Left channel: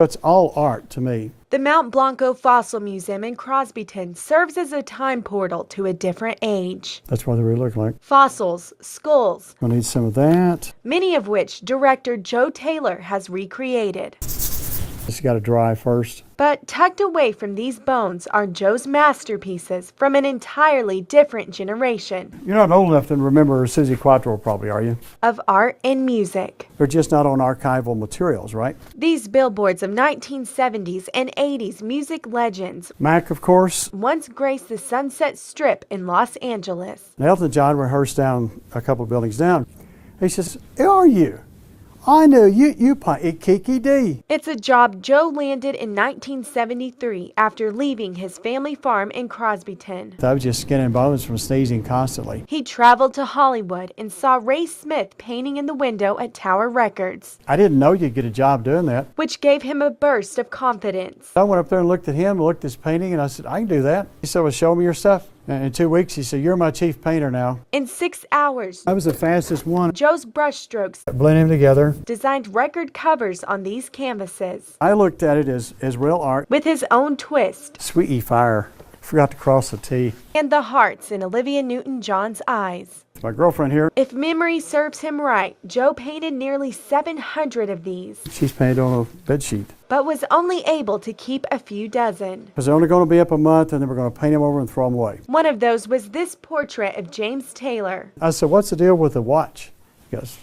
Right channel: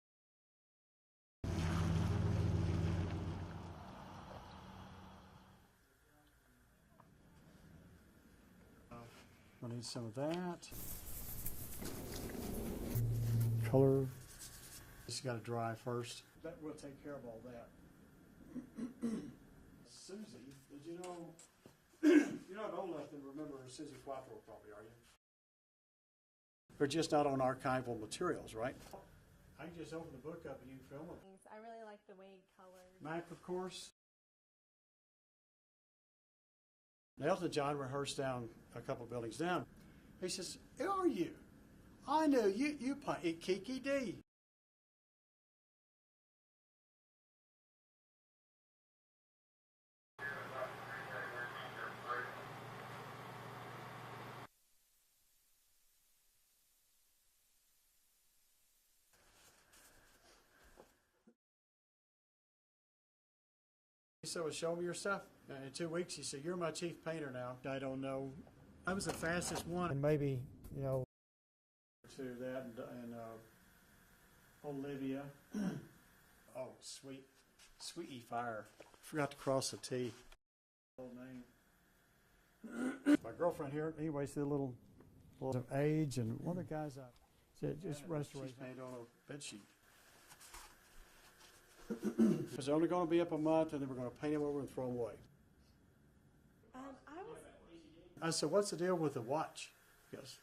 It's all art to me. The Mount Blanco Fossil Museum in Crosbyton serves as a time portal to a different age. That's what they really look like. Fossils, skulls, I need some of that. many of which director Joe Taylor has recreated. It's got to dry first. But tucked away from these bones are Joe's masterpieces from an entirely different generation You're not old enough to remember Susie Quattro, probably, are you? of art and music. They're just not on archival materials, right? These billboards of 1970s and 80s music legends Mac, of course. once graced the Sunset Strip in Los Angeles. Elton John rehearsed down a couple of buildings down. He says, "Who are you? I knew you play Kiki D." It's a job Joe landed in 1973 after leaving his family farm in Crosbyton. I was just skin and bones from sneezing constantly. He traveled to Hollywood and saw Ray Smith painting in the window at Tower Records, I didn't know you'd get a job doing that. which gave him a burst of confidence. I went up there and looked at him, looked at his painting, and I said, "I can do that." He said, "Well, show me your stuff." And in 2 weeks, he said, "You're my chief painter now." In 6 hours, I was the fastest one. Joe's brushstrokes Blend them together. designed record covers on these canvases I looked at it as real art. with his own twist Sweetie Fire. Forgot to cross the T. and the hearts in Olivia Newton-John's eyes. My girlfriend here, If memory serves him right, Joe painted nearly 700 of these, she's painted on a bed sheet. but was only able to keep a few dozen. Because they're only going to be up a month, and then we're going to paint them over and throw them away. One of those was this portrait of James Taylor. I said, "What's the deal with the watch?" He goes,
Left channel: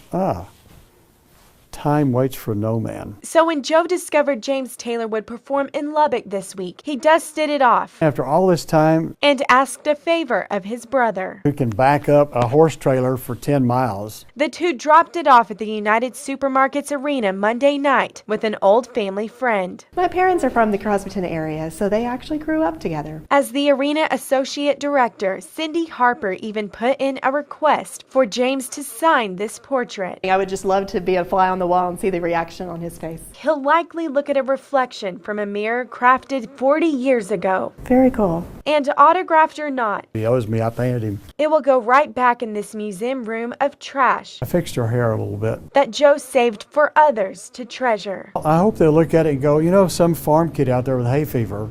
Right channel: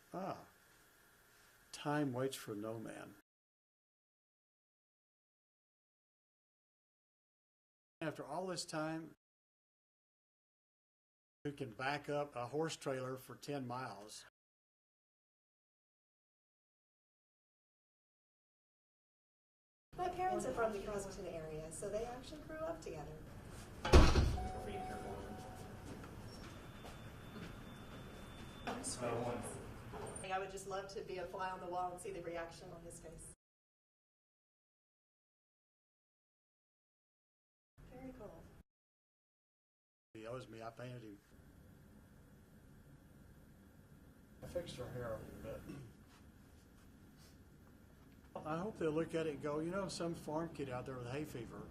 "Time waits for no man." So when Joe discovered James Taylor would perform in Lubbock this week, he dusted it off After all this time, and asked a favor of his brother. who can back up a horse trailer for 10 miles? The two dropped it off at the United Supermarkets Arena Monday night with an old family friend. My parents are from the Crosbyton area, so they actually grew up together. As the arena associate director, Cindy Harper even put in a request for James to sign this portrait. I would just love to be a fly on the wall and see the reaction on his face. He'll likely look at a reflection from a mirror crafted 40 years ago. Very cool. And autographed or not, He owes me. I painted him. it will go right back in this museum room of trash I fixed her hair a little bit. that Joe saved for others to treasure. I hope they'll look at it and go, some farm kid out there with hay fever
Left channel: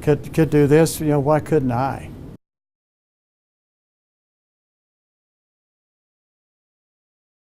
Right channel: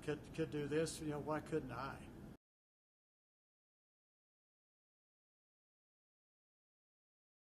could do this. Why couldn't I?